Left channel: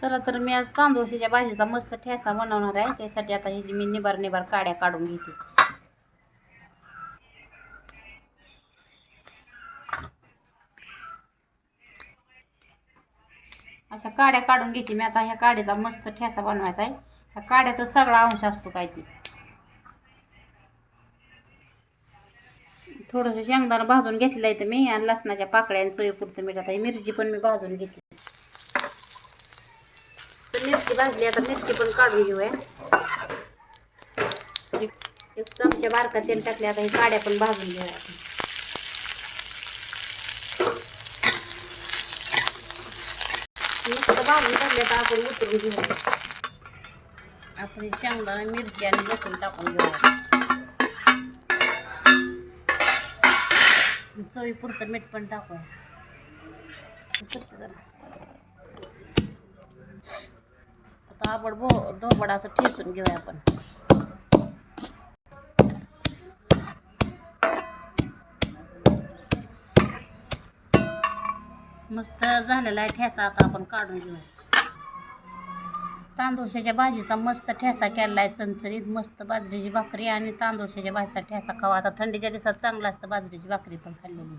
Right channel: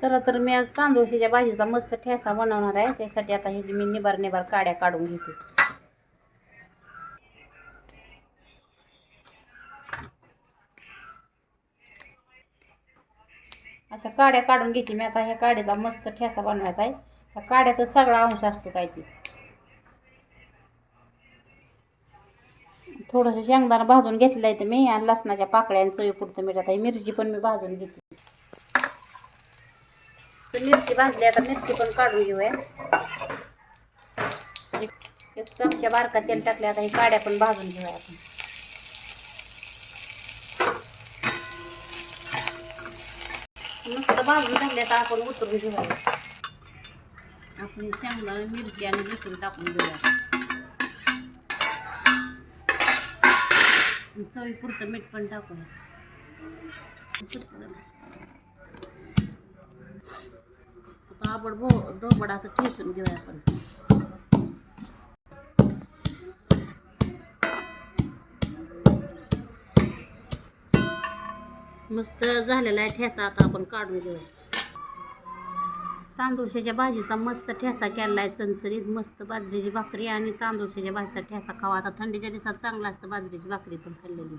चला तर मी आज तांदूळशीच्या भाजीचा मस्त ठेसा बनवणार आहे. त्यासाठी आता ह्याची मी निबार निबार काड्या काढून घेते. अशा काड्या काढून घेते मी. आता ह्या काड्याचा मस्त ठेसा बनवायचा आहे. ह्या काड्याचा सगळा अंश असतो काय ते. थोडंसं शेंगदाणा भाजून घेतलं आहे तर मी. आणि लसणाच्या पाकळ्या आणि चवीपुरतं मीठ. आता मिरची पण मी भाजून घेते तर मिरची भाजली आता मिरची पण काढून घेऊया. एक एक चमचा बारका तेल टाकले आता हे काड्या पण भाजून घेऊया आपण. मस्त भाजून टाकले तर आपण उतरून घेऊया. आपण हे शेंगदाणा मिरची आणि लसूण टाकून घेऊया. चवीपुरतं मीठ पण टाकूया. आता भो धोपडा असं ठेसून घेऊया आपण. मस्त झालेला आहे ठेसा आता आपण काढून घेऊया. तांदूळशाच्या भाजीचा मस्त ठेसा केला आहे चणचणीत. मस्त बाजरीची भाकरी आणि तांदूळशाच्या भाजीचा ठेसा खावा. आता थंडीच्या दिवसात चांगला असतं बाजरीची भाकरी पण खाल्लेली.